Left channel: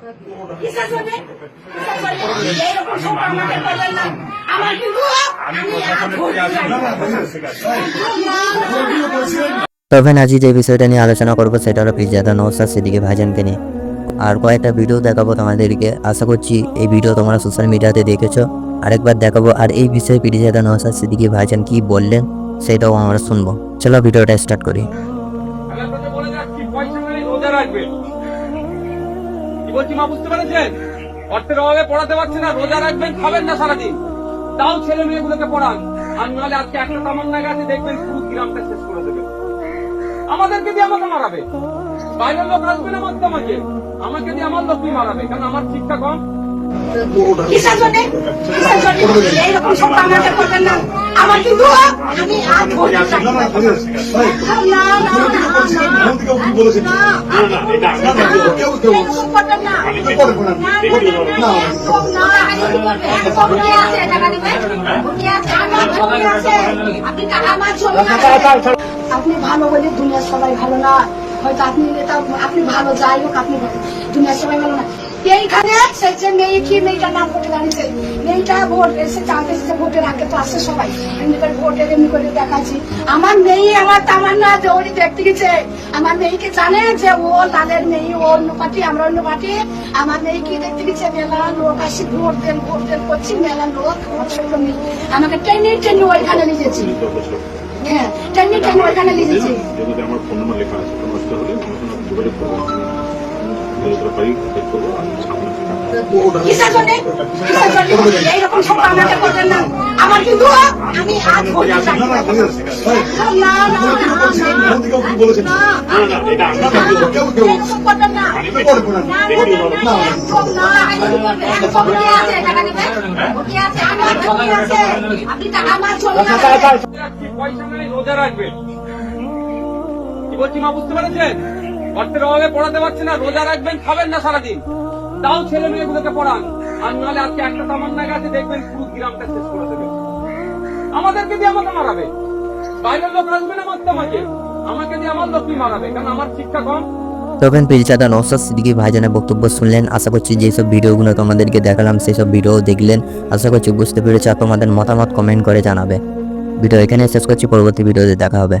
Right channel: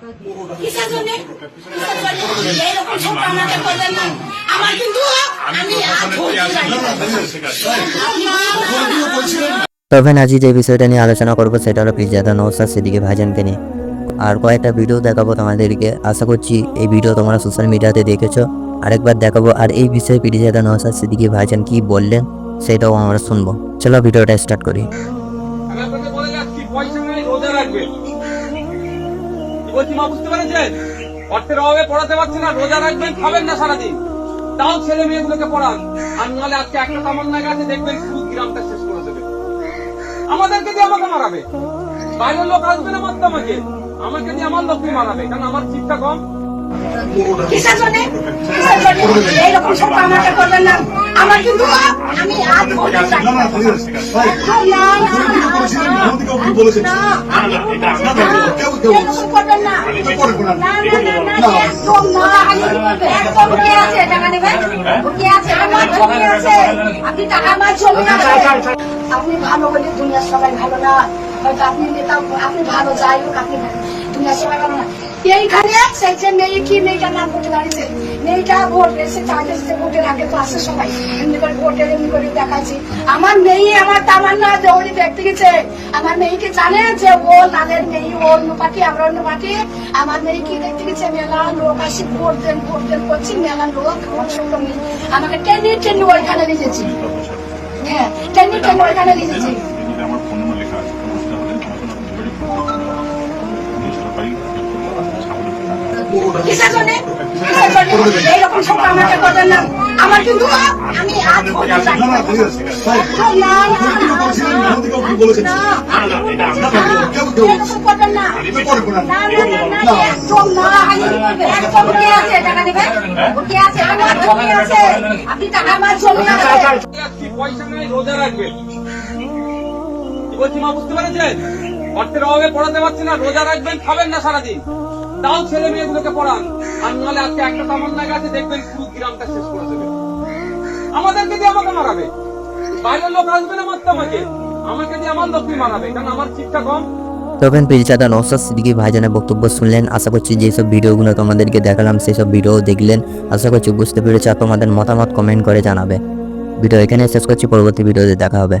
কিসের জন্যে? কিসের এইরকম সব আমাকে করবেন না। আমার কিন্তু আমি আজ ভর্তি জানি। তবে আজ যে বিষয়টা নিয়ে আলোচনা করব সেটা হলো পিজাদা নৌসাদ সিদ্দিকি ভাইজানকে নিয়ে আর কয়েকটা ভিডিও দেখাবো তোমাদেরকে আশা করছি এই ভিডিও তোমরা সোশ্যাল মিডিয়াতে দেখেছ আরেকবার দেখাবো আর এই বিষয়ে পিজাদা নৌসাদ সিদ্দিকি ভাইজান কি বললেন সেটাও আমরা শুনব চলো ভিডিওটা স্টার্ট করি বলছি মা বুঝতে পেরেছেন অর্থের অভাবে পড়াতে পারছে না রোজা রাখবেন খাবেন না সারাদিন তাও ছেলে মেয়েগুলোকে পড়ান আর নাহলে আজকে একটা কামন না গেছে দেখবেন পুরো গ্রামটা শেষ করে দেবে আমাদেরকে দিয়ে আমাকে মারাবে বাইরের লোক আসবে না মারতে আমাকে আমাকে দিয়ে আমার লোককে মারাবে কারণ আমার শিক্ষা কম। আমার কিন্তু আমি আজ আপনি ভালো হলে দুনিয়ার সবাই ভালো না। হয়তো আপনি আপনি ভালো, যাই হোক, আপনি দুনিয়ার সবাই ভালো না। এইখানে সেই যে মেয়েটি মেয়েটার নাম ভোটে দাঁড়িয়েছে মেয়েটা ভোট এসে চার্জে এসে ভোটের আগে তো আসে সবাই এমনি করে ভোটের এমনি করে দেখাচ্ছি। আমার মেয়ে আমার তামান্না যে উনি দেখতে গেছে। আমার মেয়েকে জানে যে ও তাদের মেয়ে, ও অন্য পার্টি আমরা অন্য পার্টি আমার মেয়েকে দেখতে গেছে, মেলা লোক আসি, ভোট দেন ভোট দেন করছি, মেলা লোক ছোট মেয়ে আমাকে টেনে টেনে ওইখানে লিখেছি হ্যাঁ টেনে টেনে ওইখানে জমিতে আমার ফোন নম্বর লেখা আছে সময় সরকারি হেল্প করব বলছি মা বুঝতে পেরেছেন? অর্থের অভাবে পড়াতে পারছেন না রোজা রাখবেন খাবেন না সারাদিন। তাও ছেলে মেয়েগুলোকে পড়ান। আর নাহলে আজকে একটা কামন না গেছে দেখবেন পুরো গ্রামটা শেষ করে দেবে। আমাদেরকে দিয়ে আমাকে মারাবে। বাইরের লোক আসবে না মারতে আমাকে আমাকে দিয়ে আমার লোকই মারাবে, কারণ আমার শিক্ষা কম। তবে পিলচাদা নৌসাদ সিদ্দিকি ভাইজানের বক্তব্য শুনলেন। আশা করছি যেসব ভিডিওগুলো তোমাদেরকে দেখালাম সেসব ভিডিও দেখলেন। আশা করছি বুঝতে পেরেছ আর তোমাদের মতামত কমেন্ট করে জানাবে। ভিডিও এখানে শেষ করছি, পরবর্তী ভিডিওতে দেখা হবে।